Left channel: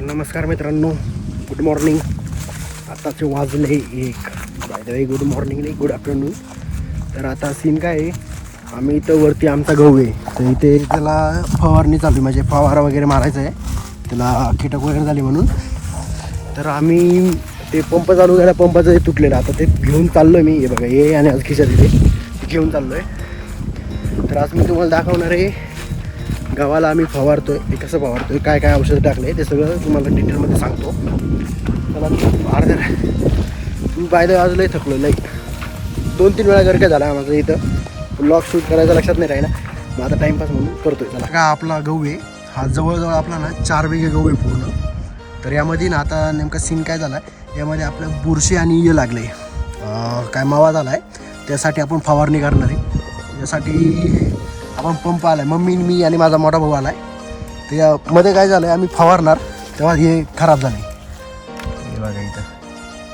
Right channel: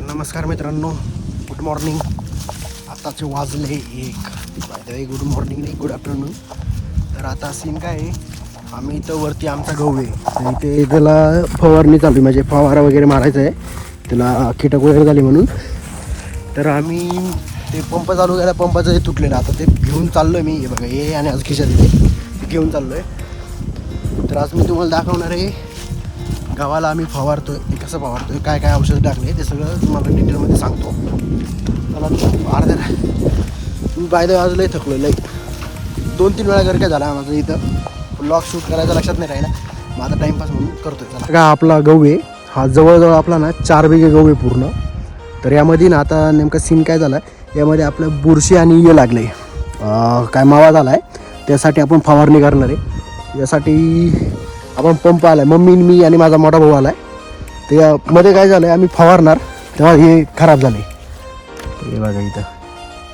तर नमस्कार मित्रांनो गुड मॉर्निंग आताचे वाजले एक. बाय गुड मॉर्निंग नाही गुड आफ्टरनून तर आता सीन काय आहे? आम्ही इथं वरती आमचा गहू आहे. तर इथे त्याला फवारणी चालू आहे. म्हणजे फवारा वगैरे मारायचा आहे. त्याला कीटक वगैरे झाले म्हणून. तर आम्ही ते पंप चालू झाला पंपाचं हे तुटलेलं. आता ते घेऊन चाललो आहे मी. हे बघा हे आणि आज खिशात इथे. घेऊन चाललो आहे तर आज मी तुम्हाला दाखवणार आहे गावाला आम्ही फवारतोय. ते कसं फवारतोय काय काय औषध टाकले ते सगळं तुम्हाला डिटेलमध्ये सांगतो. मला अर्धे तुम्ही बायला आज लई थकलो लई दोन तीन वेळा जर काय झाला माझं इथं. लॉक शूट करायचं लक्षात नाही राहिला. मग आता टाईमपास म्हणून करतोय चला. का आपला गहू आहे. हा जवळजवळ आपला ना चार बिघे गहू आहे पूर्ण. तर यामध्ये ना आता नेमका सीन काय झाला यामध्ये आपलं बुरशी आणि ये लागले काय मावा झाला आहे त्यासाठी आपण फवारणी करणार आहे. यासाठी आपण पंप आलाय. मम्मी मी आणि माझा मोठा भाऊ आलाय. तर यामध्ये काय झालं आम्ही फवारणार तेव्हा हे खराब झाले हे बघा इथं.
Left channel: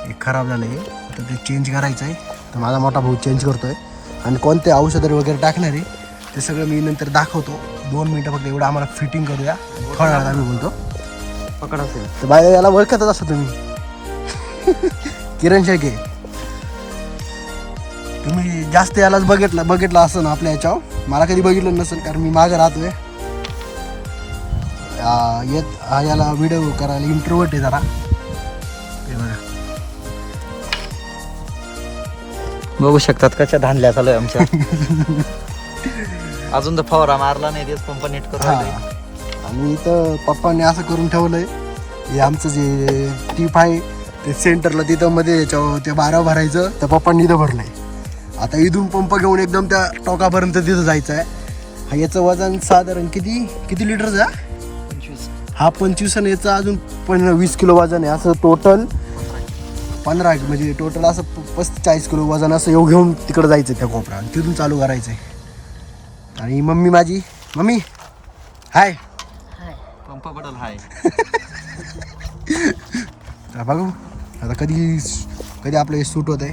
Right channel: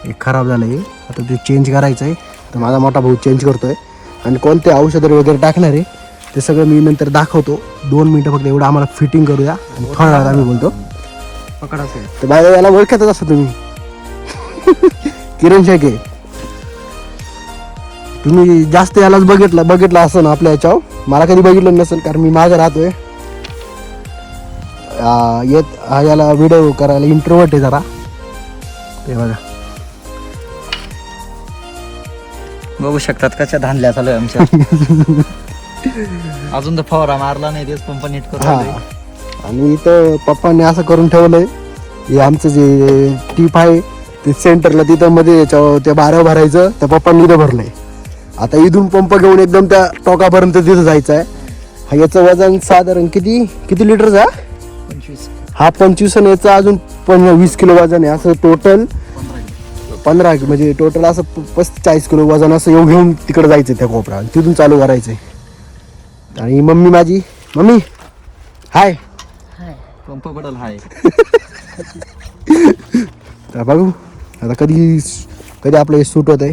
हे खराब झालं हे. आता ते चेंज करायचं आहे तर माझा मोठा भाऊ चेंज करतोय. आणि कोणते औषधं वगैरे टाकणार आहे ते सगळं मी नंतर दाखवतो. दोन मिनटं फक्त एवढं आम्हाला फिटिंग करूया. आणि फळणार आम्ही बोलतो. पकडायचं तर बाय याला ओळखतच असता तुम्ही. किरण शेके तुम्ही जास्त यालाच बघितलं बघितलं असं ना आपल्या याच्यावर? मला कधी बघितलं नसेल कारण मी मागं राहतोय. येत हा याला व्हिडिओ करायला इंटरव्हट आहे जरा. ते बघा. बघू शकतात कशा धांदल्या चालू आहे आमच्या. अजून तर फवारा मारला नाही तेच पंप नीट करून राहिले. आणि इथं पप्पांनी असं करून ठेवलंय. हे आमचं जे टीप आहे ते सेंटरला तिथं मध्ये याच्यावर त्या बारा भरायचं त्या पप्पांनी इथं भरलंय. आता इथून पंप घेऊन एकदम त्या टोकापर्यंत तिथं जायचं आहे हा याचं वजन साधारण किती किती लिटरचा पंचवीस. हा पंचवीस आणि याचं अजून पण वीस किलो वजन आहे. असं टोटल पंधरा म्हणजे टोटल असं चाळीस किलो वजन असं येऊ घेऊन तिकडं जायचं त्या कोपरा आणि तिथून चालू करायचं आणि मम्मी माझी मम्मी हाय. पंप पडल हाय. तर बघू आता कधी कधी आपलं हे सूट होत आहे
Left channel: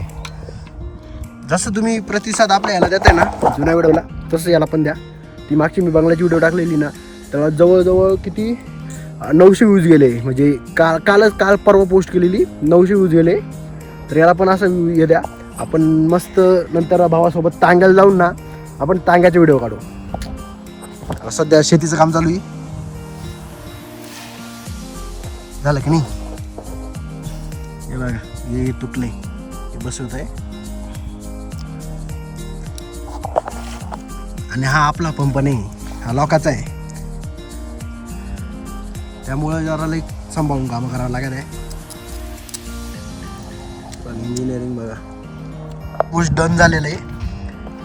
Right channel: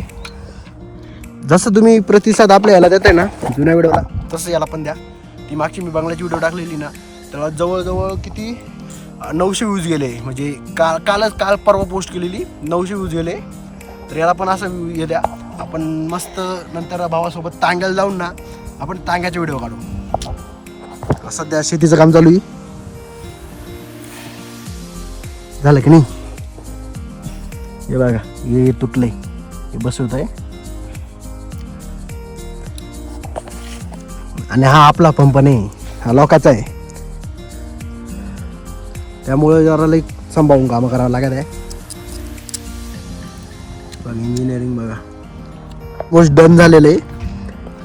जसं तुम्ही प्रतिसाद आपल्या याला देताय ना जुन्या व्हिडिओला तसं याला पण द्या. ती मागची मी बंगल्याची व्हिडिओ टाकलेली ना तेव्हा जवळजवळ किती नऊशे व्ह्यूज गेले. म्हणजे काल कालच काल परवा पोस्ट केलेली नऊशे व्ह्यूज गेले. तर याला पण असं हे द्या. आपण मस्त नंतर भावासोबत तांग्याला जाऊन ना आपण तांग्याचे व्हिडिओ काढू. सध्या शेतीचं काम चालू आहे. झालं की नाही? हे बघा हे तुटले हे बसवत आहे आणि हा आपला पंप नाही हा लोकाचा आहे. त्यामुळे जरा लई सांभाळून कामं करावं लागत आहे. इंजिनिअरिंग बघा. गोष्ट डन झालेलं आहे.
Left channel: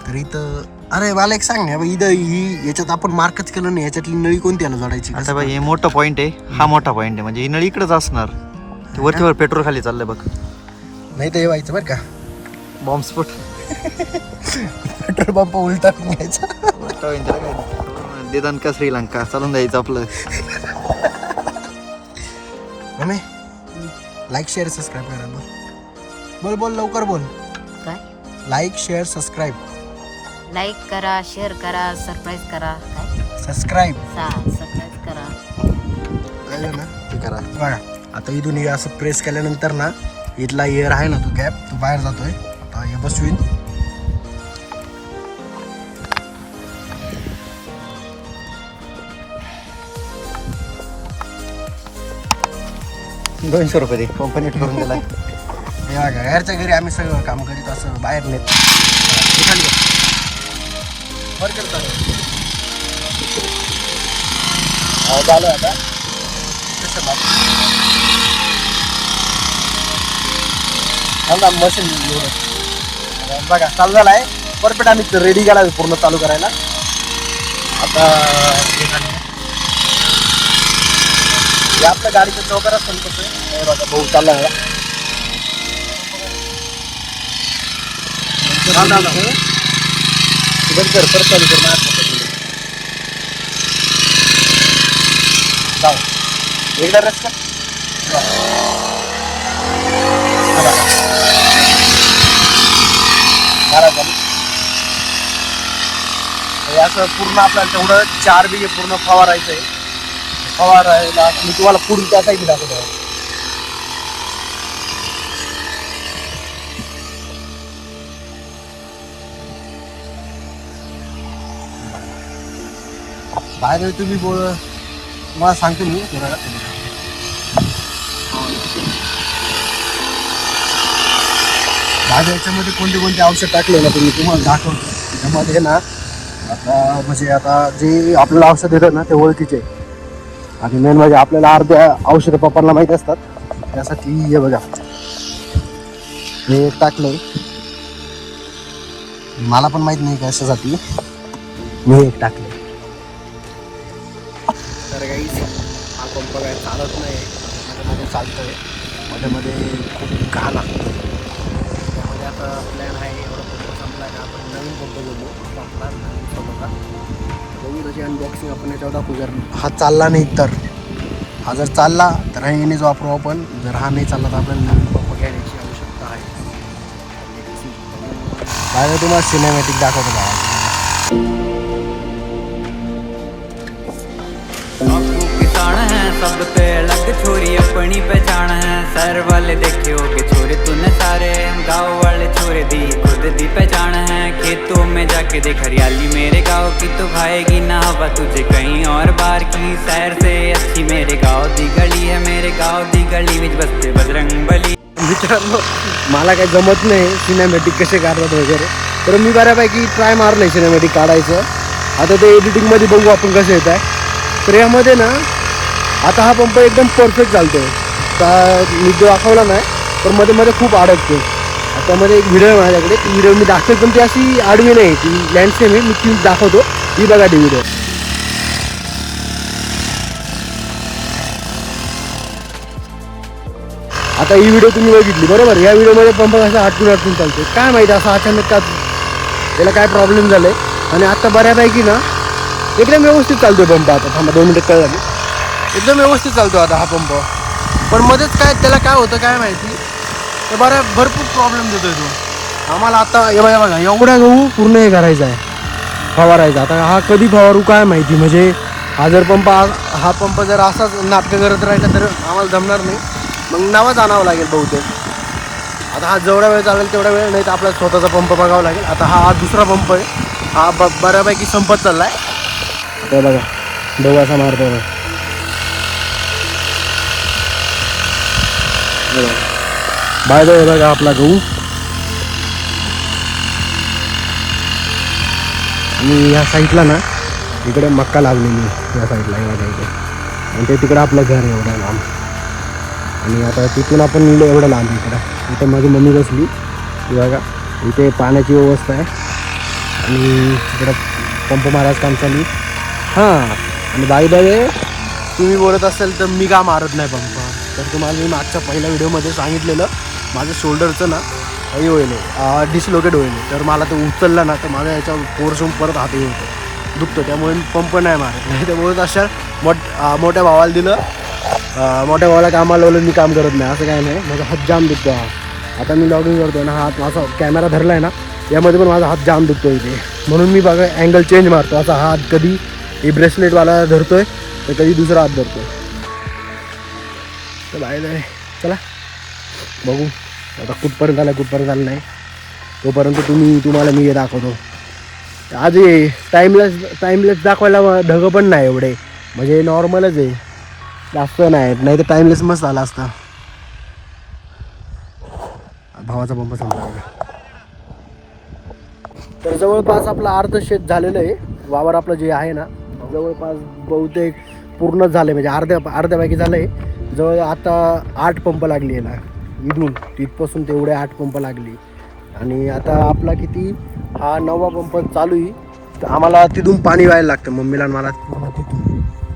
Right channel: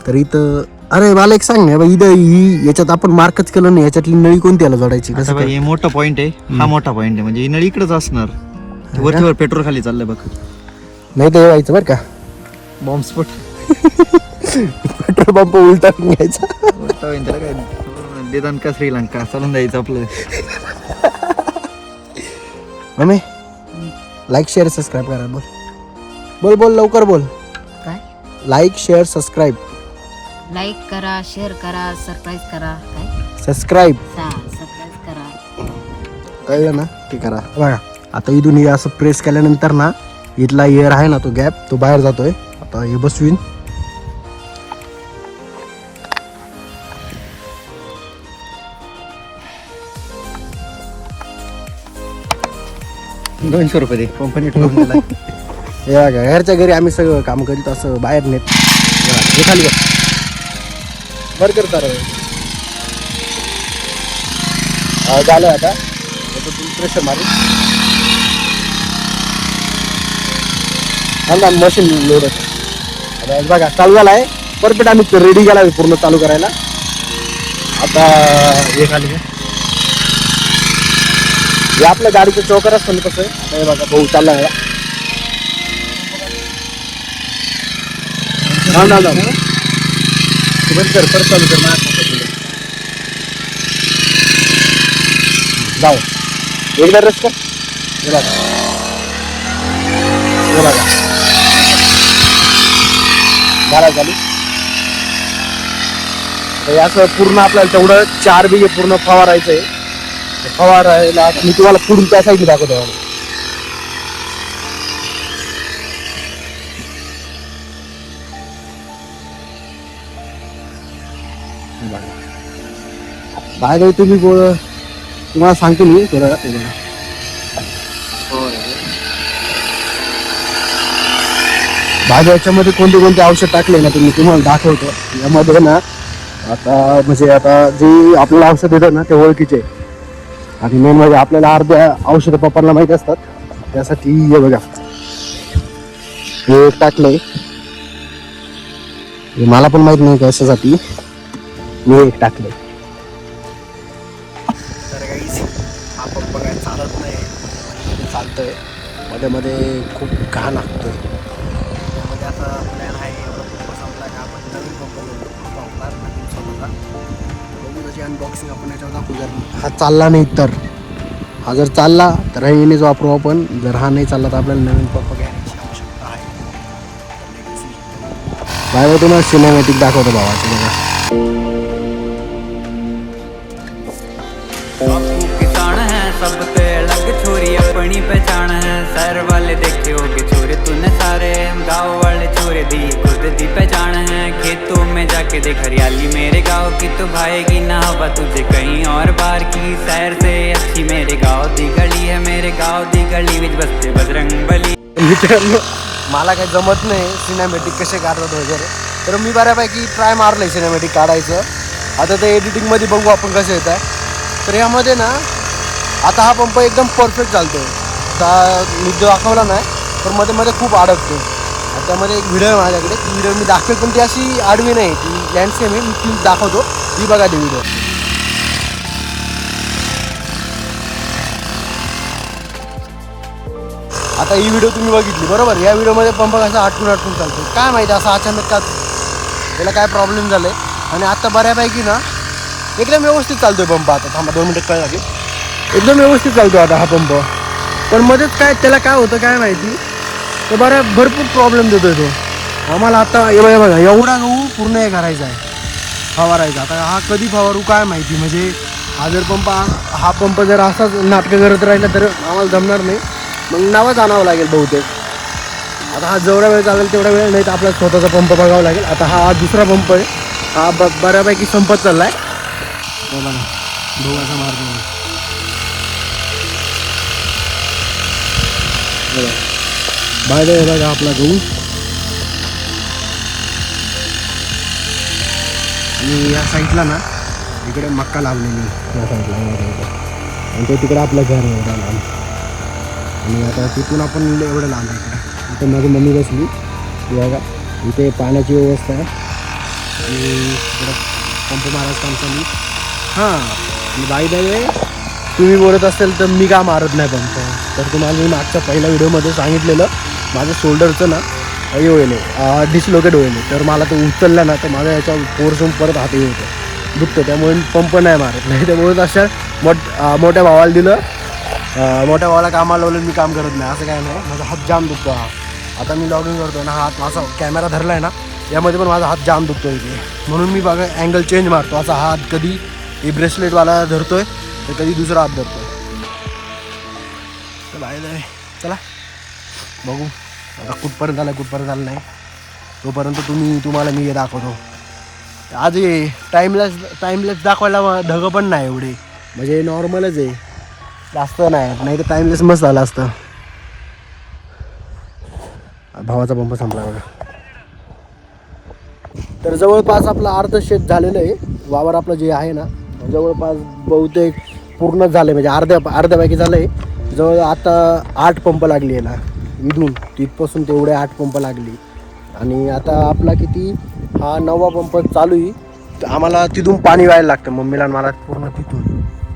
तर इथं अरे मला एक सांग ना इथं ही याच्यात आपण मार्कच केलं नाही याच्यातली नळी कोणती याला जोडायची? कसं बाई हे मोठं पॉईंट आहे. हा मोठा पॉईंट आहे. म्हणजे ही नळी इकडेच असणार. वरतीवर पेट्रोल खाली चाललंय बघ. नाही हे व्हायचं बरं का. बॉम्ब स्फोट पेट्रोल पंप उलटा घ्यायचा देदान का श्रीलंका? चालून द्यायचं आपलं. मम्मी लाईक शेअर सबस्क्राईब करा. बोल. बोल बोल लवकर बोल. लाईक शेअर सबस्क्राईब लाईक करा शेअर करा सरप्राईज करा. काय? सबस्क्राईब सा सरप्राईज करा. कळलं ना? ते करा. बघा आता इथून हे असं प्रेस केल्यानंतर ना इथला एअर आहे ना तो गॅप तो बाहेर जातोय. आता हे बसवीन. दोनशे रुपये दे. कंपनी ठेवून दिलाय. हे बघा घरच्या घरी आम्ही सगळं काम करीत असं बाहेर नेत. हे खाली बघ. बर करता रे झालं आता. प्रेशर मारे. ना मशीन लोड आता बघा चालू झाला आहे परफेक्ट आम्ही रेडी केला पूर्ण चालू करायला. आता हे खाली हे आपल्या गाडीचं चौकर असतं ना कसं? आहे हे बघा भाऊ चालला ना ना ना. बंद कर चालू कर जाऊ. एकदा रस कर. हे बघा. हे बघा. झाला. चालू तर असं पूर्ण आपल्याला तेवढं चार बिघे पूर्ण फवारायचं आहे फवारायला मी तुम्हाला पुढून त्या साईडने दाखवतो. बाय तुम्ही बोल. तुम्हाला सांगतो मी थोडं माझ्या याच्यामध्ये कोणते कोणते औषध टाकलं ना तुम्ही तुम्हाला दाखवतो. यामध्ये ना आता म्हणजे आता जे आपल्याला औषध येतं ना ते ओळखीचे. आणि मेन म्हणजे आपल्याला अर्ध्या औषधं पप्पांना माहीत असतात. त्यासाठी हे बघा. हे टाकलंय. हे मला पण माहीत नाही कशासाठी. मी एक टाकलंय. तर काहीच हा पंप काय चालत नाही. मध्ये चालतोय. मध्ये मध्ये खूप घाण लागतोय त्याची आपण याच्यावर दाखवून जर हा चालला नाही तर. हा जर चालला तर हा येणेच वापरू आपण. जर हा नाही चालला तर आपल्याला नवीन पंप घ्यायची आवश्यकता आहे. बाहेर तुम्हाला सिनेमॅटिक दाखवतो बाबा. सब पे अलग छोरी अपनी पहचान है सर वाले देखे हो गए छोरे तूने सारे हम गाँव वाले छोरे दी खुद दी पहचान है खेतों में जाके देख हरियाली मेरे गाँव की तो भाएगी ना हवा तुझे कहीं और बार की सैर से अच्छी मेरे गाँव दी गली है मेरे गाँव दी गली विच बसते बजरंग बली मित्रांनो मला काही जमत नाही सिनेमॅटिक कसे काढतात वगैरे. तर मी बऱ्यापैकी ट्राय मारलं आहे सिनेमॅटिक काढायचं. आता ते एडिटिंगमध्ये बघू आपण कसं येत आहे. तर यामध्ये ना आता हा पंप एकदम परफेक्ट चालतोय. आता मी जो दाखवला नाही पण मध्ये मध्ये खूप अडकतोय. आता त्यामध्ये एक व्हिडिओ आहे माझ्याकडे. ती व्हिडिओ मी दाखवतो पण ती अशी आडवी नाही ती लँडस्केप आहे. मी ती दाखवतो. ती बघा ती व्हिडिओ आता ही व्हिडिओ तुम्ही बघितली बरोबर? या व्हिडिओमध्ये पंप कसा आटकून अटकून चालतोय. काय माहिती असं अचानक का याला काय प्रॉब्लेम झालाय? आणि आता बऱ्यापैकी ना एकदम व्यवस्थित चालतोय पंप आता. थांबा दोन मिनिटं काय लागेल एकदम व्यवस्थित चालतो आता हा पंप. पण मध्येच काय त्याला काय होतं काय माहिती? तर बऱ्या भरपूर प्रॉब्लेम देतोय तो. आम्हाला आता हे बघा बघा एवढा गहू पूर्ण हे करायचा आहे. फवारायचा. आता हा कधी फवारू काय माहिती? म्हणजे हा जर पंप हा पंप जर असाच नाटकं करत राहिला तर आम्हाला जमणार नाही. मग नावच आणावं लागेल बहुतेक. आता हा जेवढा वेळ चालेल तेवढा वेळ नाही तर आपला स्वतःचा पंप बघावा लागेल. आता हा हा दुसरा पंप आहे. हा ब बऱ्यापैकी संपत चालला आहे बघा बघा असा मारतो बघा. हे बघा. बाय आपला गहू. आणि या साईडला ना इकडे मक्का लावलेली या साईडला एवढ्या इकडे. आणि ते तिकडं आपलं घर आहे एवढं लांब. आणि आता तिथून आपण एवढं लांब आहे इकडं. इथे माझी मम्मी बसली. बघा इथे पाण्याची व्यवस्था आहे. आणि इकडं पंप मारायचं काम चालू हां आणि बाय द तुम्ही बोलत असेल तर मी का मारत नाही पंप? तर तुम्हाला मी मागच्या पहिल्या व्हिडिओमध्ये सांगितलेलं माझं शोल्डरचं ना हे होईल डिसलोकेट होईल. तर मला तो उचलला ना तर माझ्या याच्यावर फोर्स होऊन परत हात होतं. दुखतं त्यामुळे पंप नाही मारत. नाही त्यामुळे अशा मोठ मोठ्या भावाला दिलं. मोठ्या भावाला कामाला लावलं मी काम करत नाही. असं काय नाही. माझा हात जाम दुखतो हा. आता मी लॉगिंग करतो ना हात माझा कॅमेरा धरला आहे ना यामध्ये पण माझा हात जाम दुखतो इथे. म्हणून मी बघा अँगल चेंज मारतो. असा हात कधी हे ब्रेसलेटवाला धरतो आहे तर कधी दुसरा हात धरतोय. तर बाहेर चला. बघू. आता कुठपर्यंत आला कुठपर्यंत आलं नाही. तोपर्यंत तुम्ही तुम्हाला मी हे दाखवतो. आज हे टाईमलेस टाईमलेस दाखवायला ढगं पण नाही एवढे. म्हणजे नॉर्मलच आहे. जास्त नाही नाही तर टाईमलेस मस्त आला असतं. भावाचा पंप संपला बघा. तर जवळपास आपलं अर्ध शेत झालेलं आहे. वावर आपलं जे आहे ना जवळपास बहुतेक पूर्ण झालं म्हणजे अर्ध्या अर्ध्यापैकी झालं आहे जवळ आता आठ पंप लागली आहे ना इथून तिथपासून तेवढे आठ पंप लागली. आणि आता आपला किती? हा नववा पंप चालू आहे. तर आम्हाला तिथून पाणी व्हायला लागतं. मम्मीला मला पूर्ण तिथून.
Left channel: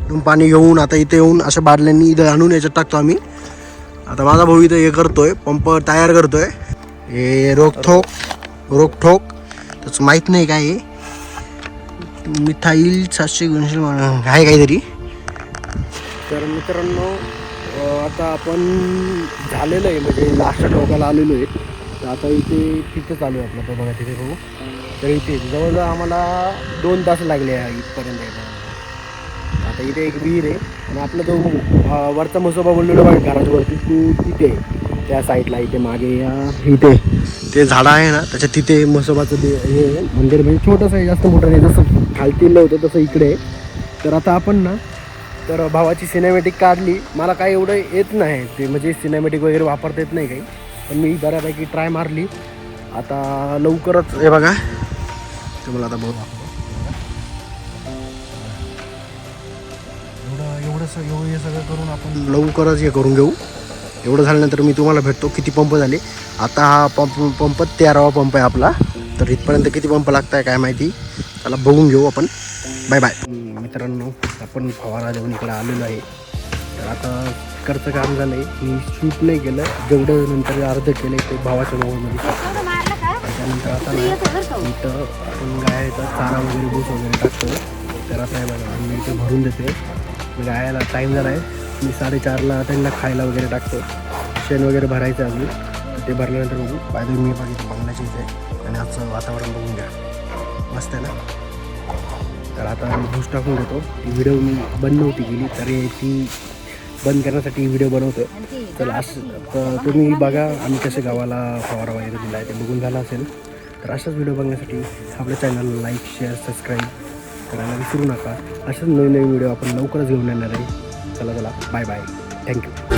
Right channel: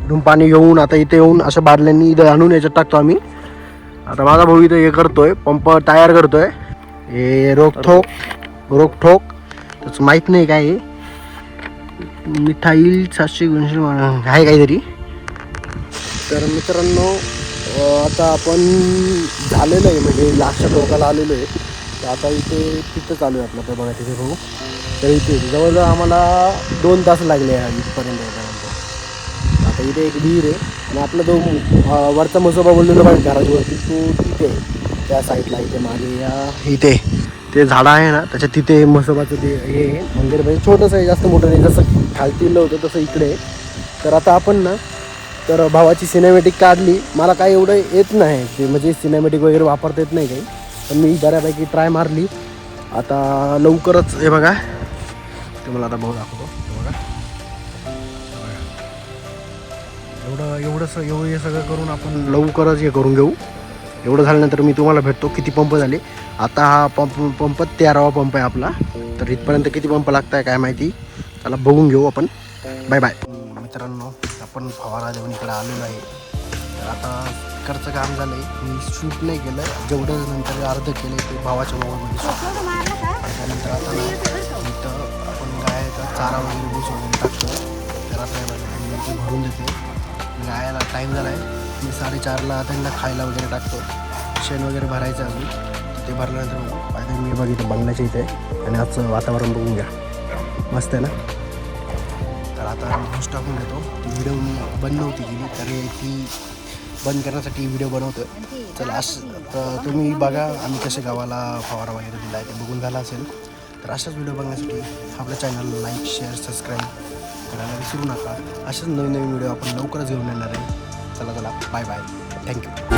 तिथून पाणी घेऊन आता इथे येऊन अशा बादल्यांनी इथं आणून याच्यात टाकतो आम्ही. आता माझा भाऊ इथं हे करतोय. पंप तयार करतोय. हे रोखोक रोखोक त्याचं माहीत नाही काय मिठाईल मिथाईल सातशे दोनशे आहे काहीतरी. तर मित्रांनो आता आपण झालेलं आहे म्हणजे लास्ट टोकाला आलेलो आहे. तर आता इथे तिथं चालू आहे आपलं तर बघा तिथे भाऊ तर इथे जवळजवळ आम्हाला दोन तास लागले आहे इथपर्यंत येईपर्यंत आता इथे एक विहीर आहे आणि आपला जो वरचा मसोबा बोललेलो बघा घराच्या तू तो तिथे त्या साईडला इथे मागे इथे ते झाडं आहे ना त्याच्या तिथे मसोबाचं ते हे आहे. मंदिर म्हणजे छोटंसं आहे जास्त मोठं नाही. जसं खालतीलं होतं तसं इकडे तर आता आपण ना तर भावाची सिनेमॅटिक काढली. मला काय एवढं येत नाही. ते म्हणजे सिनेमॅटिक वगैरे वापरता येत नाही काही. पण मी बऱ्यापैकी ट्राय मारली. आता लवकरच हे बघा. तुम्हाला आता भाऊ दाखवतो. एवढं एवढं स एवढं हे सगळं करून आपण लवकरच हे करून घेऊ. एवढं झाल्यानंतर मी तुम्हाला भेटतो. किती पंप झाले? आता हा पंप पंप तेरावा पंप आहे आपला. तर इथपर्यंत किती पंप लागत आहे काय माहिती? त्याला बघून घेऊ आपण. बाय बाय मित्रांनो आपण फवारा देऊन इकडे आलेलो आहे. तर आता इकडचं काम झालं आहे मी शूट नाही केलं. जेवढं नंतर अर्ध केलं ते भावाच्या मोबाईलमध्ये शूट केलं आणि त्यानंतर आता नाही इथं आपण गायचा चारा वगैरे भूस वगैरे टाकतो तर आता हे बघा मी इथे भरून देते म्हणजे गायला टाईम झाला आहे मी साडेचारला त्यांना खायला वगैरे टाकतो शेण वगैरे भरायचं आम्ही ते भरल्यानंतर बघू. पायदळ मी बघितलं बंगल्याच्या इथे. आणि आजचं वातावरण बघून घ्या. मस्त आहे ना? तर आता मी भूस टाकून घेतो. व्हिडिओ मी बंद नव्हती गेली तरी ती बंद करण्यासाठी व्हिडिओ बनवतो चला असं तर तुम्ही बघा आम्ही कसे गावाला फवारा वगैरे दिला आहे ते बघून झाला असेल. तर अशाच व्हिडिओ बघण्यासाठी आपल्या चॅनलला लाईक शेअर सबस्क्राईब करायला विसरू नका. अशाच नवीन नवीन व्हिडिओ आपण लवकरच घेऊन येणार आहे. चला चला बाय बाय थँक्यू